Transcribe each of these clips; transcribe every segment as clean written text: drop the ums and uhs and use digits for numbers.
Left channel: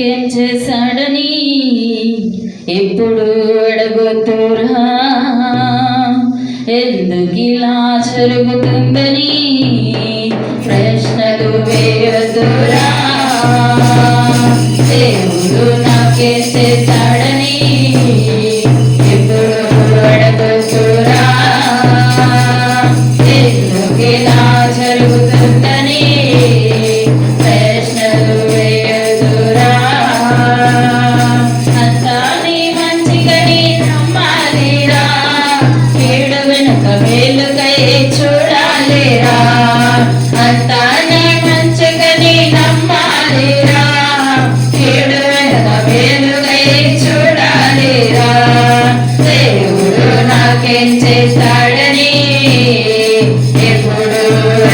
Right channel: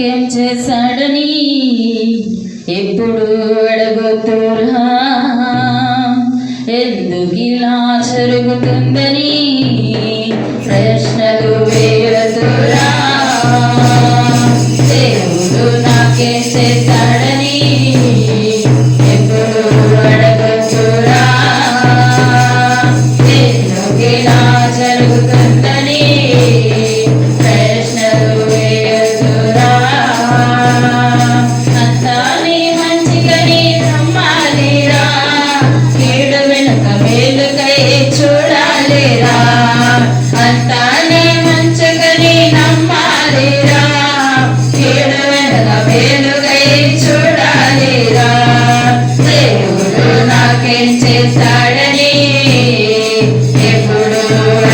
నాకేం చేశాడని ఎప్పుడు అడగొద్దురా, ఎందుకు ఇలా జరుగుతుందని ప్రశ్నలు వేయొద్దురా. దేవుడు నాకేం చేశాడని ఎప్పుడు అడగొద్దురా, ఎందుకు ఇలా జరుగుతుందని ప్రశ్నలు వేయొద్దురా. అంతా నీ మంచికని నమ్మాలిరా, కీడు వెనుక మేలుకై చూడాలిరా. అంతా నీ మంచికని నమ్మాలిరా, కీడు వెనుక మేలుకై చూడాలిరా. దేవుడు నాకేం చేశాడని ఎప్పుడు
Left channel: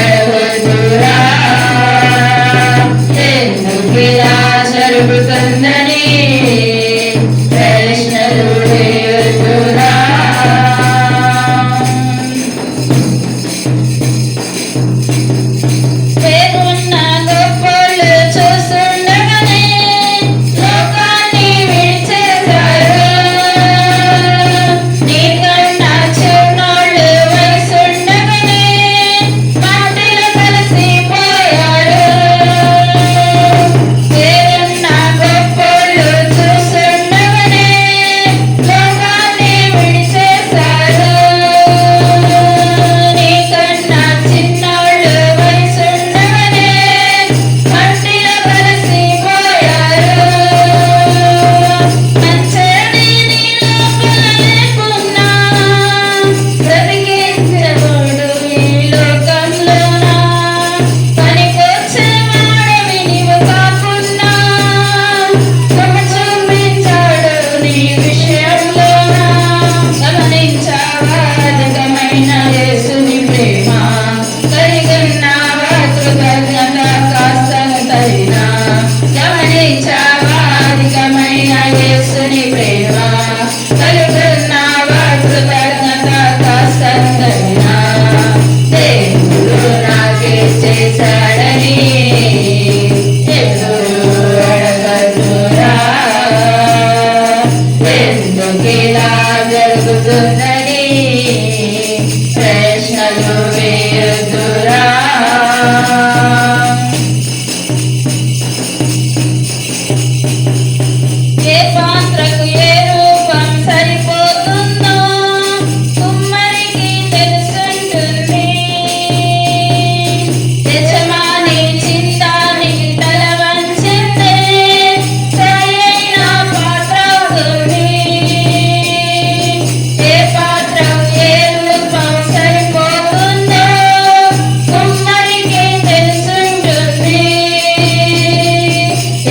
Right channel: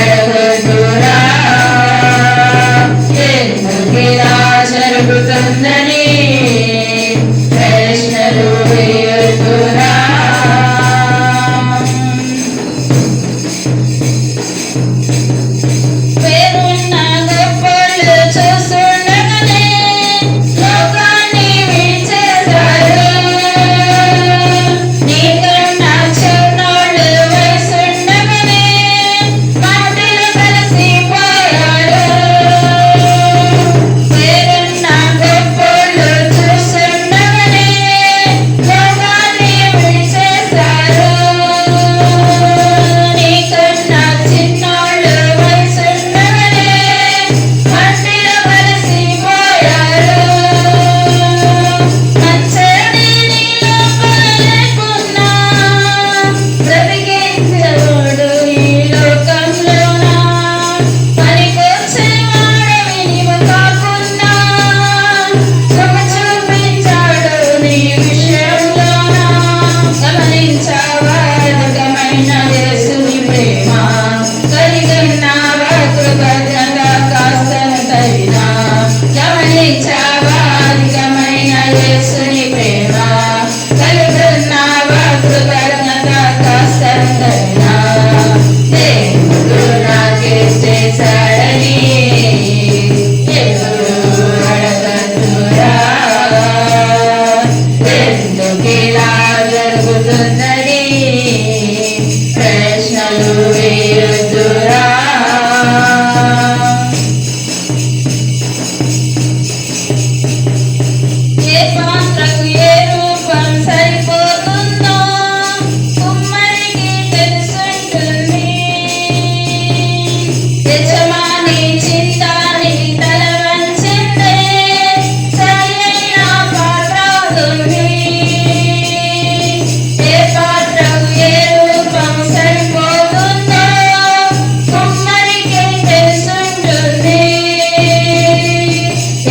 అడగొద్దురా, ఎందుకు ఇలా జరుగుతుందని ప్రశ్నలు వేయొద్దురా. పేరున్న గొప్పోళ్ళు చూస్తుండగానే లోకాన్ని విడిచేశారు. నీకన్నా చిన్నోళ్ళు వయసుండగానే మాటలు కలిసిపోయారు. పేరున్న గొప్పోళ్ళు చూస్తుండగానే లోకాన్ని విడిచేశారు. నీకన్నా చిన్నోళ్ళు వయసుండగానే మట్టిలో కలిసిపోయారు. మంచడి నీ లోపల లేకున్నా బ్రతికించేవాడు ఈ లోకంలోన. పనికొచ్చేవాడివి నీవు కాకున్నా శ్రమ చూపించాడు నీ విషయంలోన. గమనించావా అధికమైన యేసుని ప్రేమ, కలిగన్నావా కృతజ్ఞత కాస్తంతైనా. గమనించావా అధికమైన యేసుని ప్రేమ, కలిగన్నావా కృతజ్ఞత కాస్తంతైనా. దేవుడు నాకేం చేశాడని ఎప్పుడు అడగొద్దురా, ఎందుకు ఇలా జరుగుతుందని ప్రశ్నలు వేయొద్దురా. ఏ పాత్రకు ఏ రూపం సరిపోతుందో కుమ్మరికి తెలుసుంటుంది. యజమాని చింతానికి తల వంచితే సరియైన పాత్ర అవుతుంది. ఏ పాత్రకు ఏ రూపం సరిపోతుందో కుమ్మరికి తెలుసుంటుంది.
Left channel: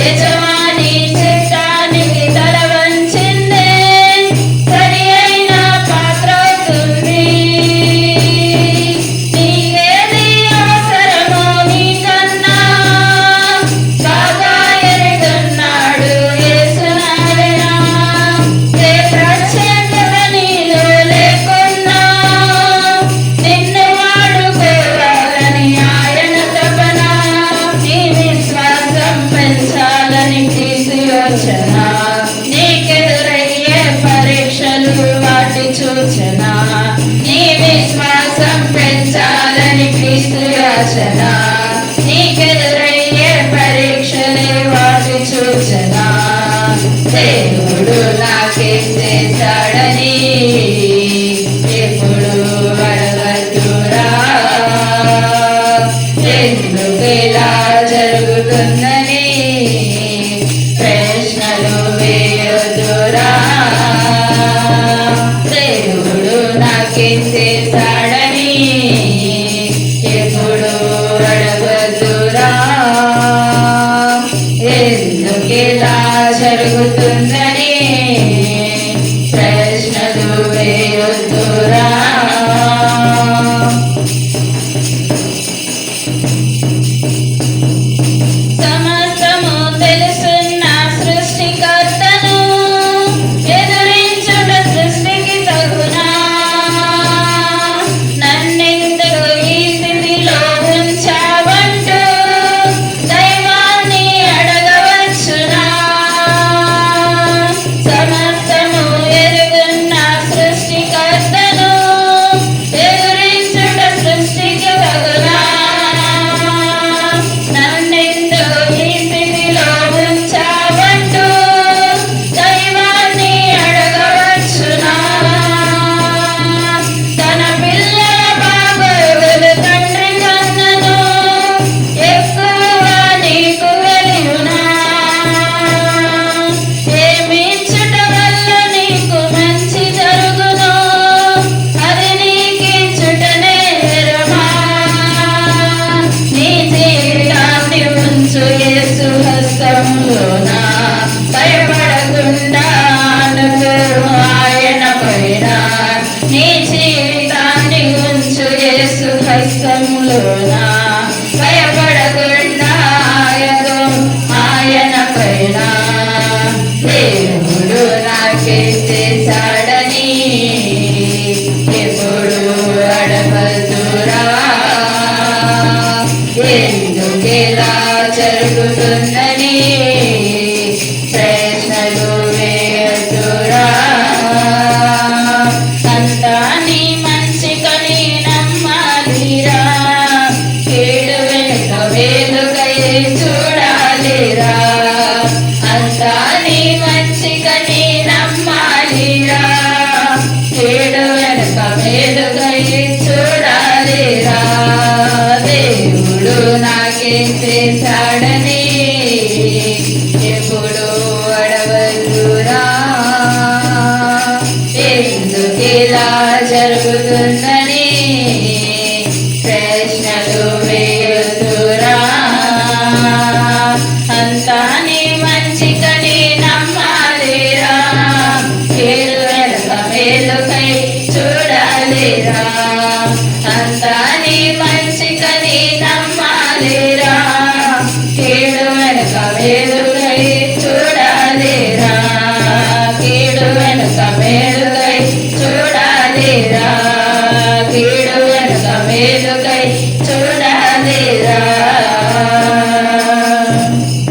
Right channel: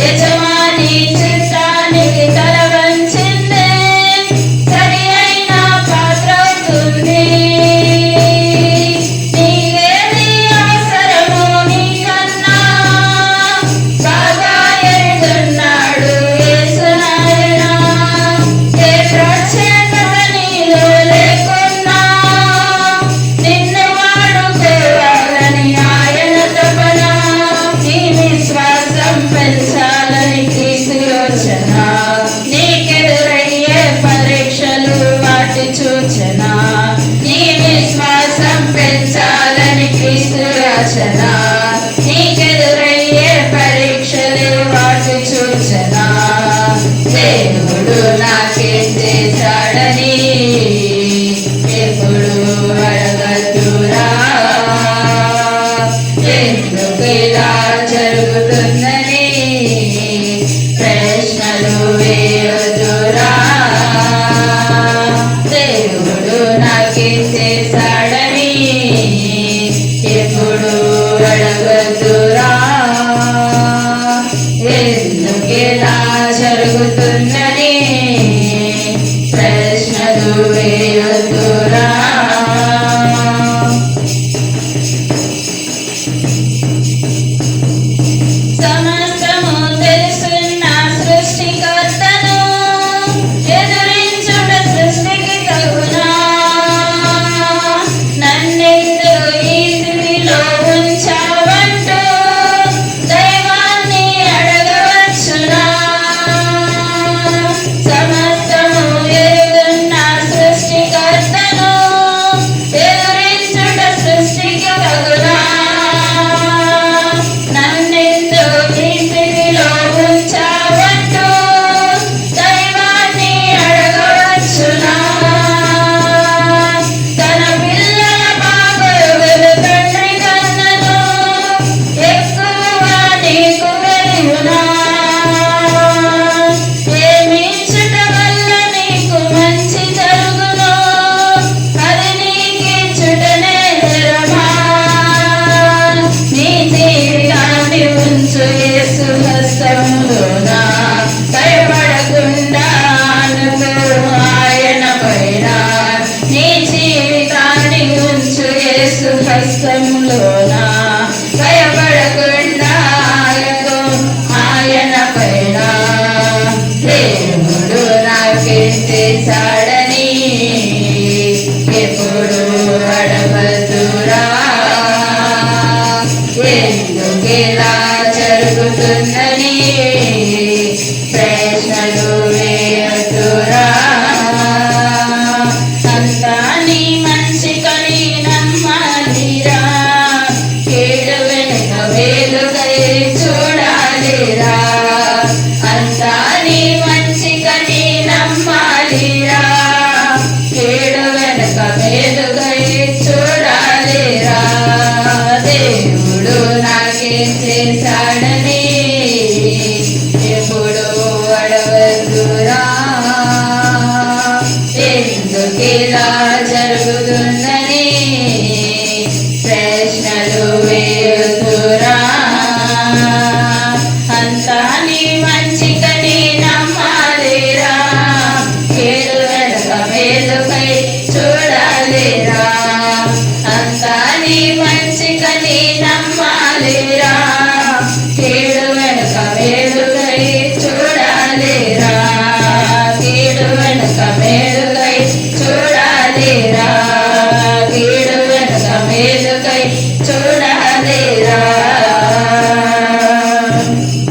యజమాని చింతానికి తల వంచిందే సరి అయిన పాత్ర అవుతుంది. నీకేది అవసరమో నీకన్నా బాగా ఎరుగున్నాడు యేసునాయన. ఏ ప్రత్యేకత నీలో లేకున్నా నిన్ను వాడుకోవాలని ఆయన తపన. నీ విశ్వాసం పెంచాలని క్రీస్తు యోచన. నీకెదురయ్యే పరీక్షలు వాటి సూచన. నీ విశ్వాసం పెంచాలని క్రీస్తు యోచన. నీకెదురయ్యే పరీక్షలే వాటి సూచన. దేవుడు నాకేం చేశాడని ఎప్పుడు అడగొద్దురా, ఎందుకు ఇలా జరుగుతుందని ప్రశ్నలు వేయొద్దురా. దేవుడు నాకేం చేశాడని ఎప్పుడు అడగొద్దురా, ఎందుకు ఇలా జరుగుతుందని ప్రశ్నలు వేయొద్దురా. సమస్తము తెలుసున్న సృష్టికర్తను ఎదురించుట సృష్టికి తగునా. నన్నెందుకు ఈ స్థితిలో ఉంచావంటూ దైవాన్ని అడగవచ్చునా. చేశాడని ఎప్పుడు అడగదురా. ఎందుకిలా జరుగుతుందని ప్రశ్నలు వేయదురా. అంతా నీ మంచికని నమ్మాలిరా. కీడు వెనుక వేలుకై చూడాలిరా. అంతా నీ మంచికని నమ్మాలిరా. కీడు వెనుక వేలుకై చూడాలిరా. దేవుడు నాకేం చేశాడని ఎప్పుడు అడగదురా. ఎందుకిలా జరుగుతుందని ప్రశ్నలు వేయుదురా. అంతా నీ మంచికని నమ్మాలిరా. కీడు వెనుక మేలుకై చూడాలిరా. అంతా నీ మంచికని నమ్మాలిరా. కీడు వెనుక మేలుకై చూడాలిరా. కీడు వెనుక మేలుకై చూడాలిరా. కీడు వెనుక మేలుకై